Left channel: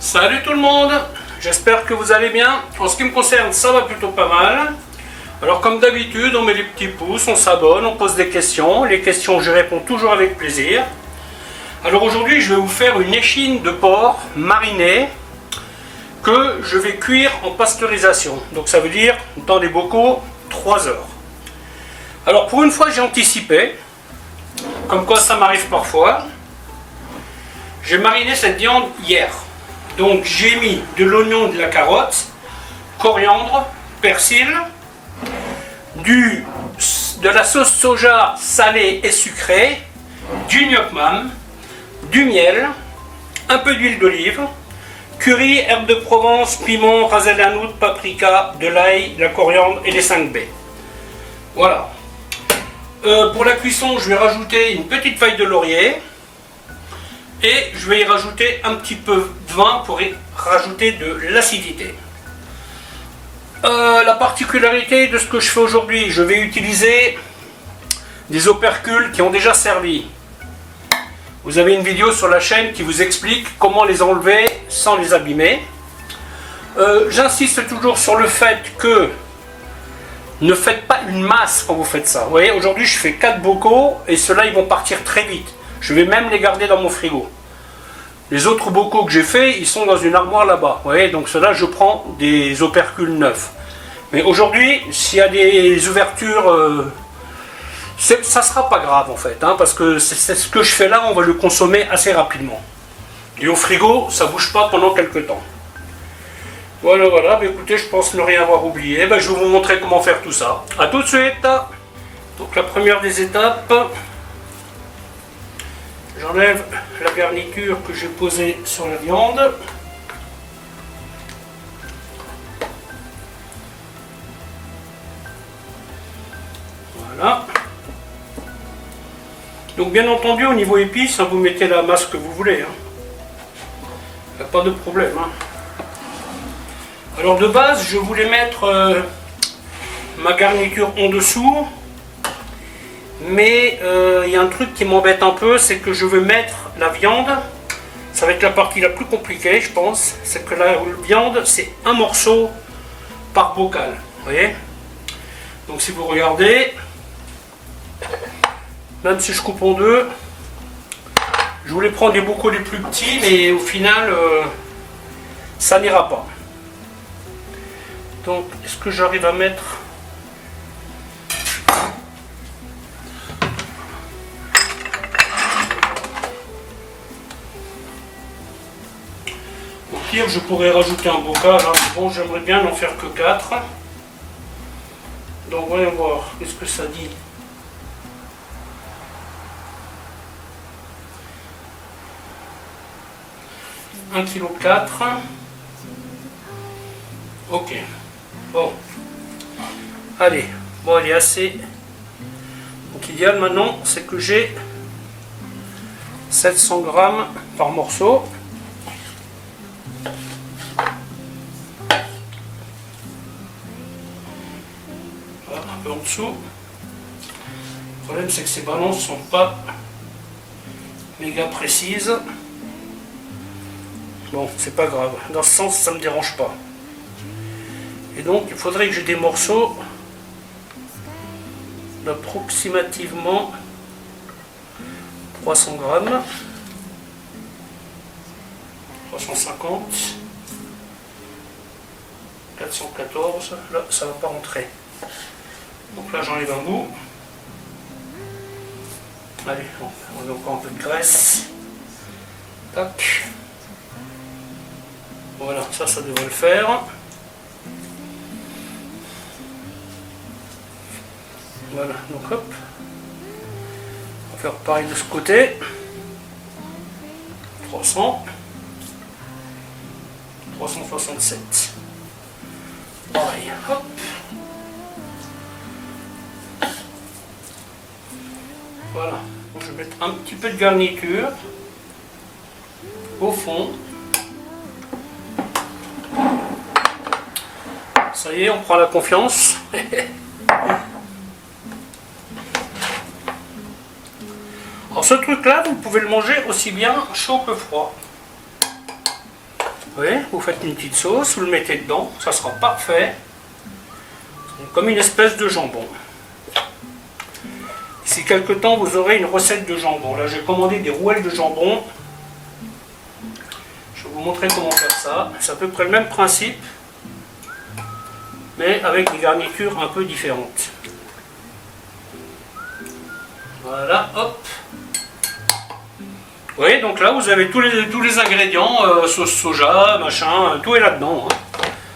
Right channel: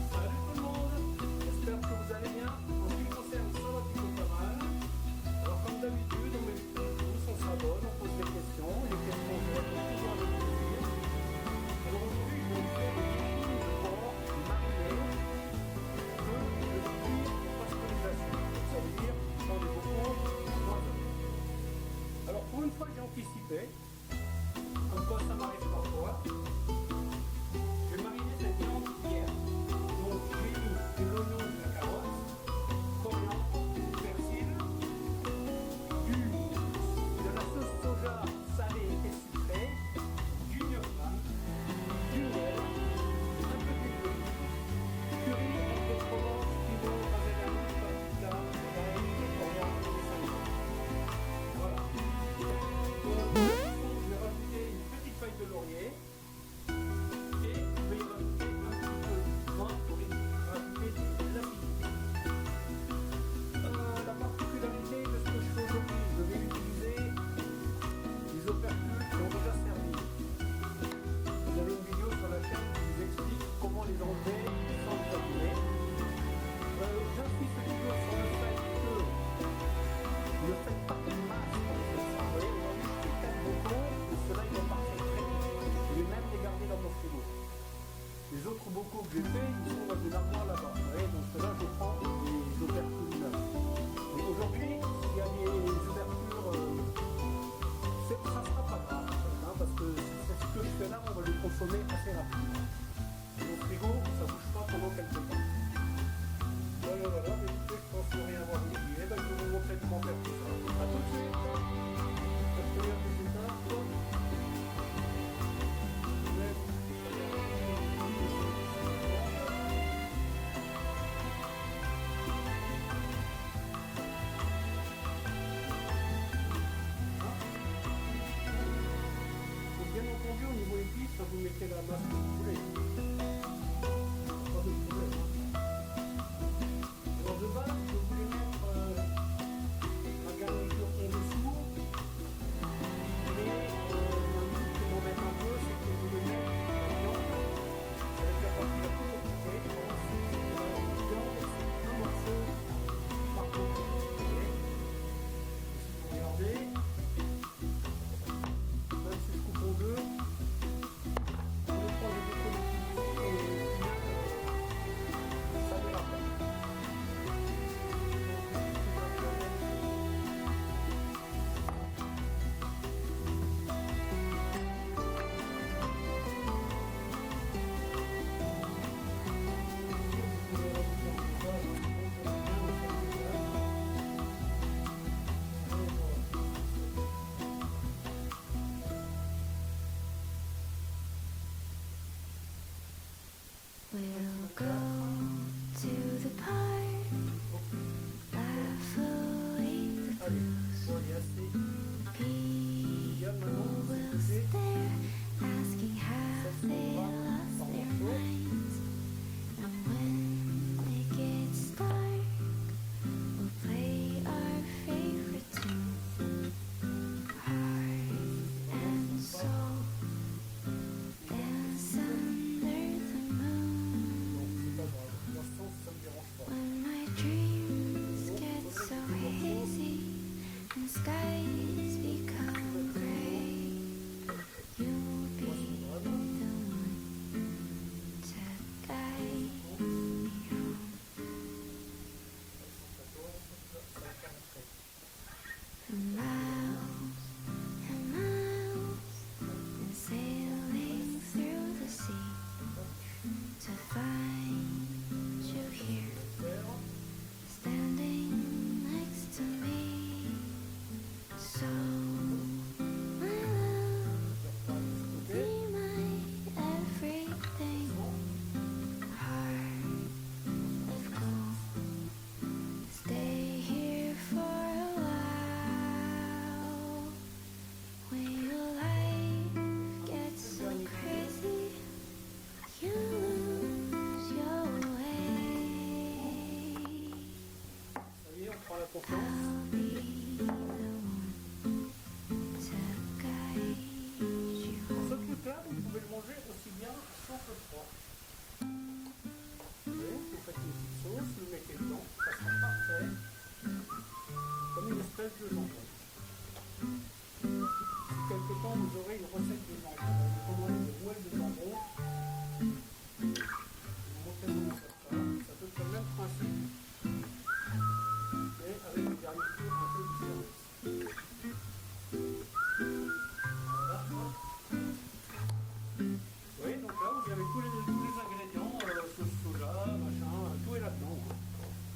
Salut tout le monde, j'espère que vous allez bien. En ce qui me concerne, ça va plutôt pas mal. Alors comme d'habitude, on met les petits pouces, on s'abonne, on pose des questions. Les questions, je réponds toujours avec plaisir. Alors aujourd'hui, je vais vous faire une échine de porc marinée que je vais cuire en pasteurisation. Donc ça veut dire dans des bocaux 3 heures. Alors pour une fois, j'ai anticipé, comme quoi ça m'arrive parfois. J'ai mariné cette viande hier. Donc j'ai mis de l'oignon, de la carotte, coriandre, persil, de la sauce soja salée et sucrée, du gnoc mam, du miel, un peu d'huile d'olive, curry, herbes de Provence, piment, ras el hanout, paprika, de l'ail, la coriandre et les 5 baies. Voilà. Pour la cuisson, je vais rajouter une petite feuille de laurier. Et je vais y rajouter un petit peu de vin pour y rajouter de l'acidité. La particularité de ce que je fais aujourd'hui, je vais utiliser des opercules qui ont déjà servi. Vous avez une vidéo sur la chaîne qui vous explique comment les enlever sans les abîmer. J'insiste toujours sur le fait que ne faites pas une masse quand vous faites ça. Vous voyez, aujourd'hui je fais 4 bocaux et ceux-là ils vont partir très vite. Je vais même les garder dans mon frigo. Les autres bocaux que j'ai fait, ils sont dans une armoire là-bas. Vous voyez, donc ceux-là, je prends des opercules neufs. Mais aujourd'hui, s'il y a des ouvertures, ça sera pas grave en fait, hein, parce que c'est ce que je fais là, on va le consommer assez rapidement. Et au frigo, ça bouge pas pendant quelques temps. Voilà, voilà. Bah, écoutez, je pense ne rien avoir oublié. Bah, je vais vous montrer comment faire tout ça. A tout de suite. Donc la première des étapes. J'enlève la garniture que j'ai posée sur la viande. Voilà. Donc bien entendu au niveau épices, hein, vous mettez la masse que vous voulez. Il n'y a pas de problème. Hein. Alors de base, je voulais mettre ma garniture en dessous. Mais il y a un truc qui m'embête un peu, c'est que je veux mettre la viande. Ça va être la partie la plus compliquée, je pense. C'est que la viande, c'est un morceau par bocal. Vous voyez? Donc si vous regardez, même si je coupe en deux, je voulais prendre des bocaux les plus petits, mais au final, ça n'ira pas. Donc, est-ce que j'arrive à mettre... Je pourrais rajouter un bocal, hein. Bon, j'aimerais bien n'en faire que 4. Donc voyons voir, qu'est-ce que ça dit. Un kilo 4. Ok. Bon. Allez. Bon, il est assez. Donc l'idéal maintenant, c'est que j'ai 700 grammes par morceau. En dessous. Le problème c'est que ces balances ne sont pas méga précises. Bon, c'est pas grave. Dans ce sens, ça me dérange pas. Et donc, il faudrait que j'ai des morceaux d'approximativement 300 grammes. 350. 414. Là, ça va pas rentrer. Donc là j'enlève un bout. Allez, on met encore un peu de graisse. Tac. Voilà, ça devrait le faire. Voilà, donc hop. On va faire pareil de ce côté. 300. 367. Pareil, hop. Voilà, je vais mettre un petit peu de garniture au fond. Ça y est, on prend la confiance. Alors ce truc là, vous pouvez le manger aussi bien chaud que froid. voyez, vous faites une petite sauce, vous le mettez dedans, ça sera parfait. Comme une espèce de jambon. D'ici quelques temps, vous aurez une recette de jambon. Là, j'ai commandé des rouelles de jambon. Je vais vous montrer comment faire ça. C'est à peu près le même principe, mais avec des garnitures un peu différentes. Voilà, hop. Vous voyez, donc là, vous avez tous les ingrédients, sauce soja, machin, tout est là-dedans. Hein.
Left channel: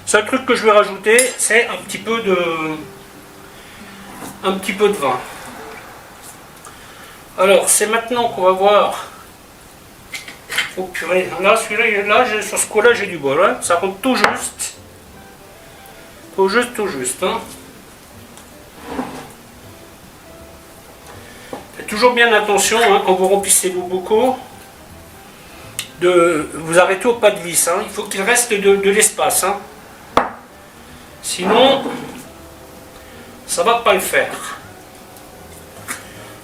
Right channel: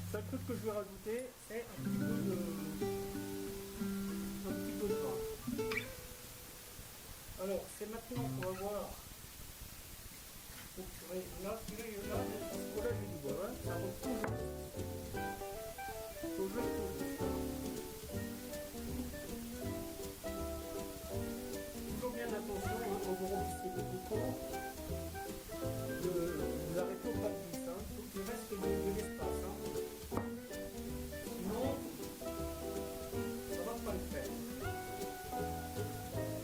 Seul truc que je vais rajouter, c'est un petit peu de vin. Alors, c'est maintenant qu'on va voir. Oh purée, là, celui-là, sur ce coup-là, j'ai du bol. Hein. Ça compte tout juste. Tout juste. Hein. Faites toujours bien attention, hein, quand vous remplissez vos bocaux, de vous arrêter au pas de vis. Hein. Il faut qu'il reste de l'espace. Hein. Sinon, ça va pas le faire.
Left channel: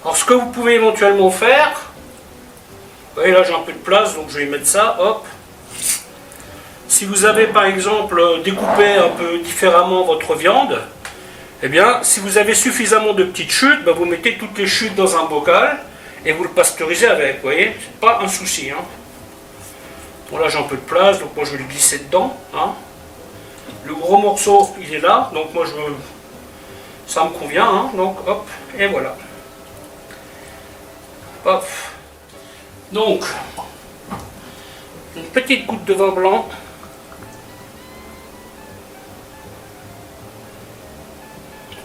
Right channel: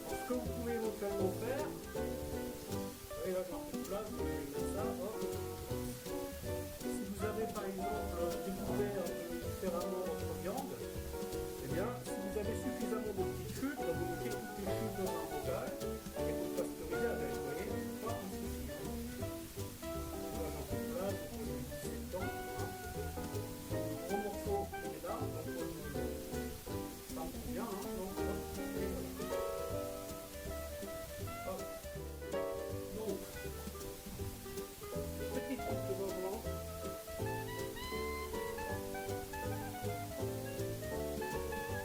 Alors ce que vous pouvez éventuellement faire, vous voyez là j'ai un peu de place donc je vais y mettre ça, hop. Si vous avez par exemple découpé un peu différemment votre viande, eh bien si vous avez suffisamment de petites chutes, ben, vous mettez toutes les chutes dans un bocal et vous le pasteurisez avec, vous voyez, c'est pas un souci. Hein. Bon là j'ai un peu de place donc moi je vais le glisser dedans. Hein. Le gros morceau il est là, donc moi ça me convient, hein. Donc hop, et voilà. Hop. Donc, une petite goutte de vin blanc.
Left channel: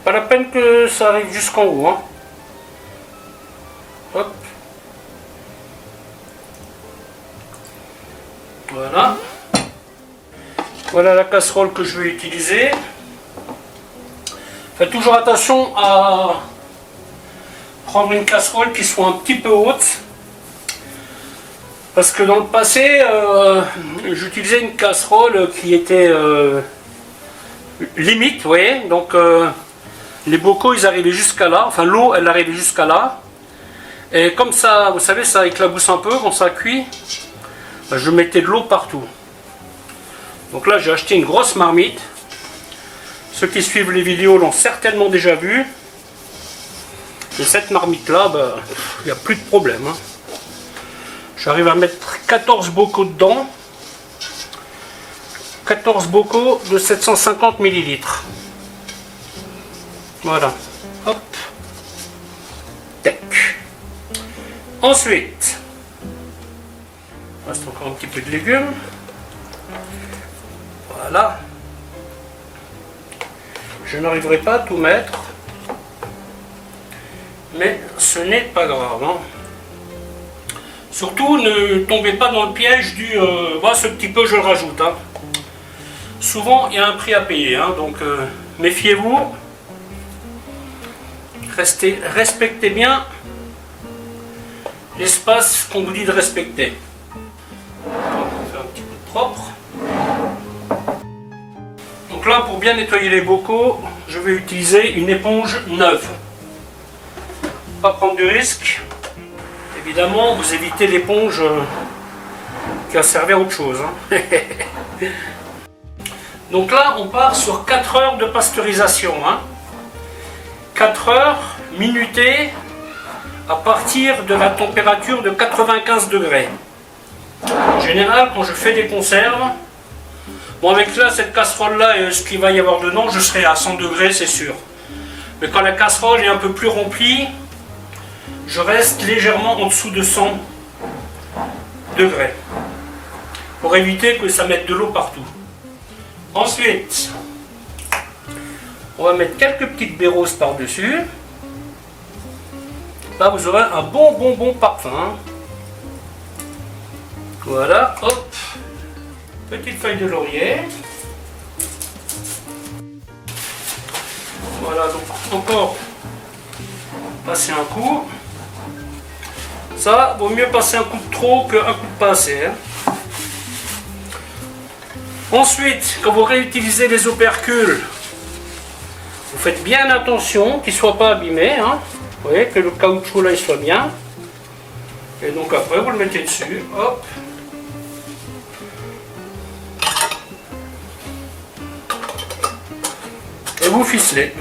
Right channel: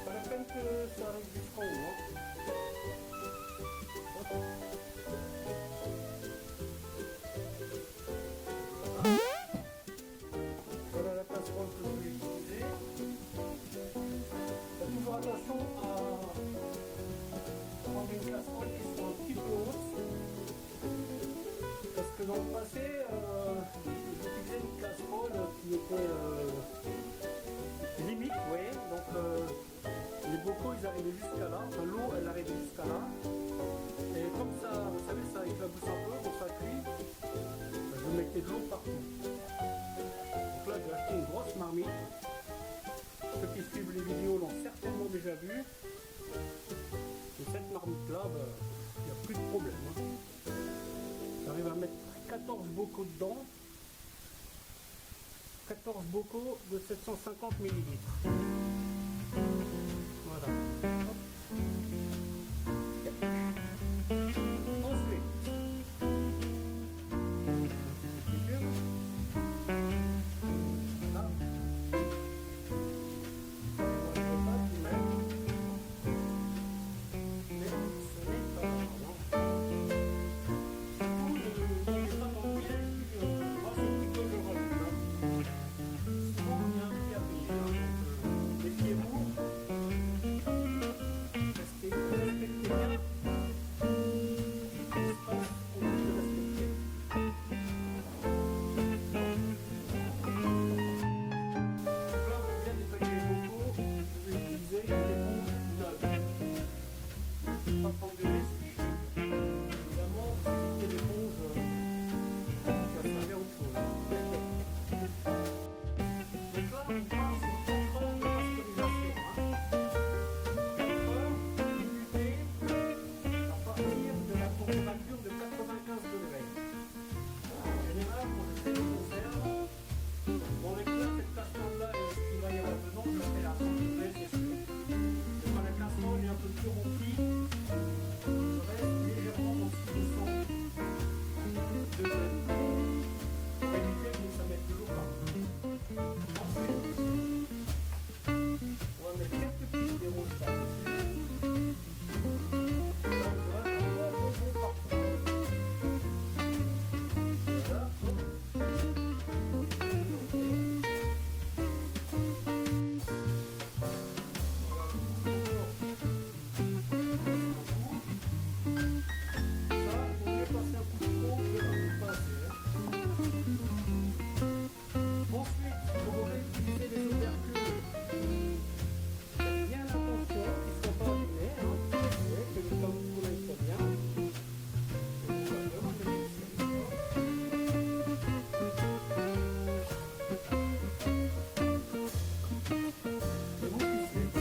Pas la peine que ça arrive jusqu'en haut. Hein. Hop. Voilà. Voilà la casserole que je vais utiliser. Faites toujours attention à prendre une casserole qui soit un petit peu haute. Parce que dans le passé, j'utilisais une casserole qui était limite, vous voyez. Donc les bocaux ils arrivaient jusqu'à là, enfin l'eau elle arrivait jusqu'à là. Et comme ça, vous savez, ça éclabousse un peu quand ça cuit, je mettais de l'eau partout. Donc là j'ai acheté une grosse marmite. Ceux qui suivent les vidéos l'ont certainement déjà vu. Et cette marmite là, il n'y a plus de problème. Hein. J'arrive à mettre 14 bocaux dedans. 14 bocaux de 750 ml. Voilà. Hop. Tac. Ensuite, il reste encore un petit peu de légumes. Voilà. Je n'arriverai pas à tout mettre. Mais ce n'est pas grave. Hein. Surtout, ne tombez pas dans le piège du ce petit peu je le rajoute. Hein. Souvent, il y a un prix à payer. Hein, donc, méfiez-vous. Respectez bien l'espace qu'on vous dit de respecter. On fait un petit peu propre. Donc là, pour bien nettoyer les bocaux, je vais utiliser une éponge neuve. Pas prendre de risque. Évidemment, vous évitez l'éponge qui a servi à autre chose. Hein. Donc là, on part sur 4 heures de pasteurisation. Hein. 4 heures minutées à partir de la température de 95 degrés. En général, quand je fais des conserves, bon avec là, cette casserole-là et ce qu'il va y avoir dedans, je serai à 100 degrés, c'est sûr. Mais quand la casserole est un peu plus remplie, je reste légèrement en dessous de 100 degrés pour éviter que ça mette de l'eau partout. Ensuite, on va mettre quelques petites baies par-dessus. Là, vous aurez un bon parfum. Voilà, hop. Petite feuille de laurier. Voilà, donc encore passer un coup. Ça, vaut mieux passer un coup de trop qu'un coup de pas assez. Hein. Ensuite, quand vous réutilisez les opercules, vous faites bien attention qu'ils ne soient pas abîmés. Hein. Vous voyez, que le caoutchouc là il soit bien. Et donc après, vous le mettez dessus. Hop. et vous ficelez.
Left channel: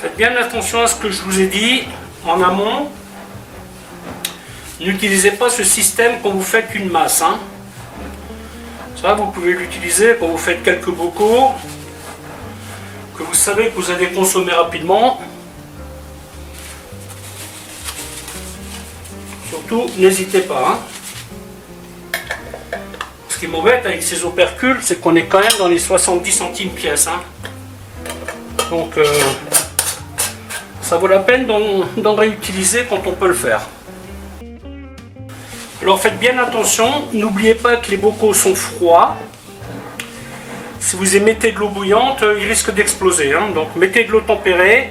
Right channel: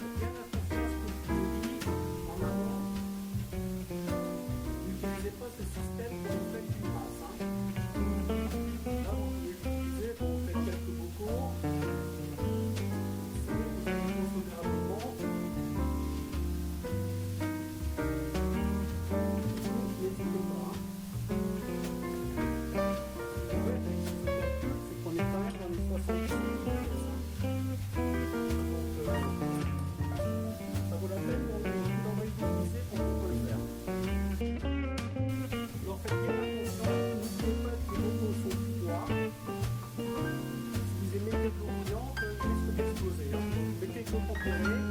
Faites bien attention à ce que je vous ai dit en amont. N'utilisez pas ce système quand vous faites une masse. Hein. Ça, vous pouvez l'utiliser quand vous faites quelques bocaux que vous savez que vous allez consommer rapidement. Surtout, n'hésitez pas. Hein. Ce qui m'embête avec ces opercules, c'est qu'on est quand même dans les 70 centimes pièce. Hein. Donc, ça vaut la peine d'en réutiliser quand on peut le faire. Alors faites bien attention, n'oubliez pas que les bocaux sont froids. Si vous y mettez de l'eau bouillante, ils risquent d'exploser. Hein. Donc mettez de l'eau tempérée.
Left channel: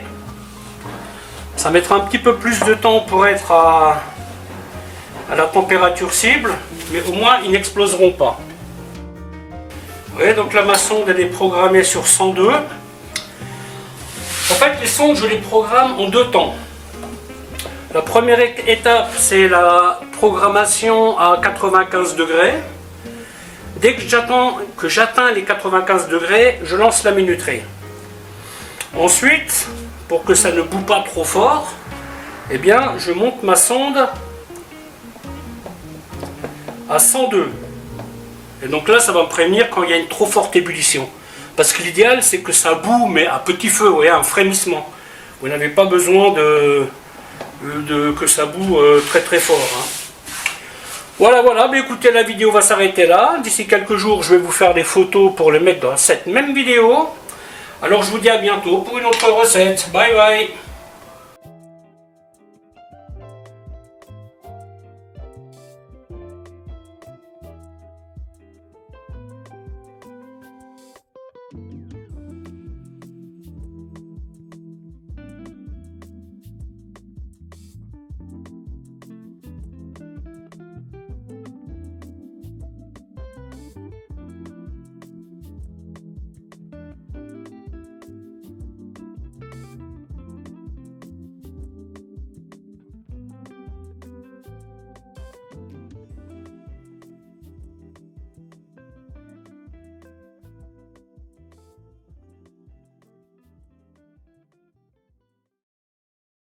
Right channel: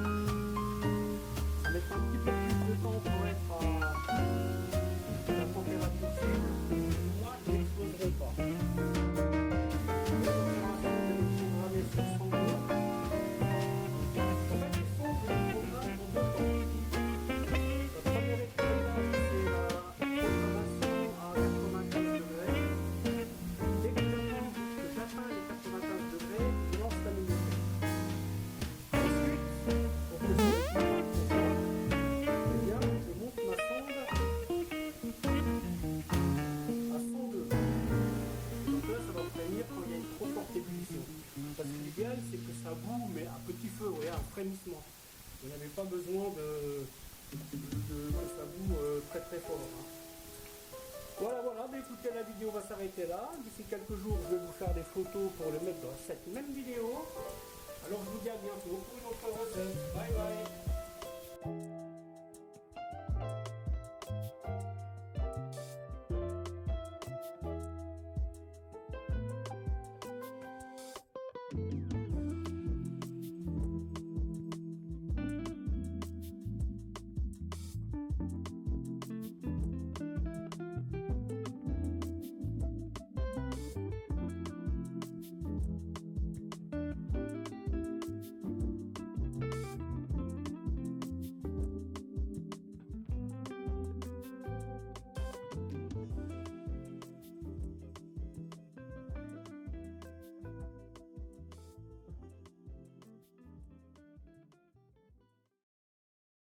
Ça mettra un petit peu plus de temps pour être à la température cible, mais au moins ils n'exploseront pas. Vous voyez, donc la ma sonde elle est programmée sur 102. En fait, les sondes, je les programme en deux temps. La première étape, c'est la programmation à 95 degrés. Dès que j'atteins les 95 degrés, je lance la minuterie. Ensuite, pour que ça ne boue pas trop fort, eh bien, je monte ma sonde à 102. Et donc là, ça va me prévenir quand il y a une trop forte ébullition. Parce que l'idéal, c'est que ça boue, mais à petit feu, vous voyez, un frémissement. Vous n'avez pas besoin que ça boue très très fort. Hein. Voilà, mais écoutez, la vidéo va s'arrêter là. D'ici quelques jours, je vais vous faire des photos pour les mettre dans cette même vidéo. Alors je vous dis à bientôt pour une autre recette. Bye bye.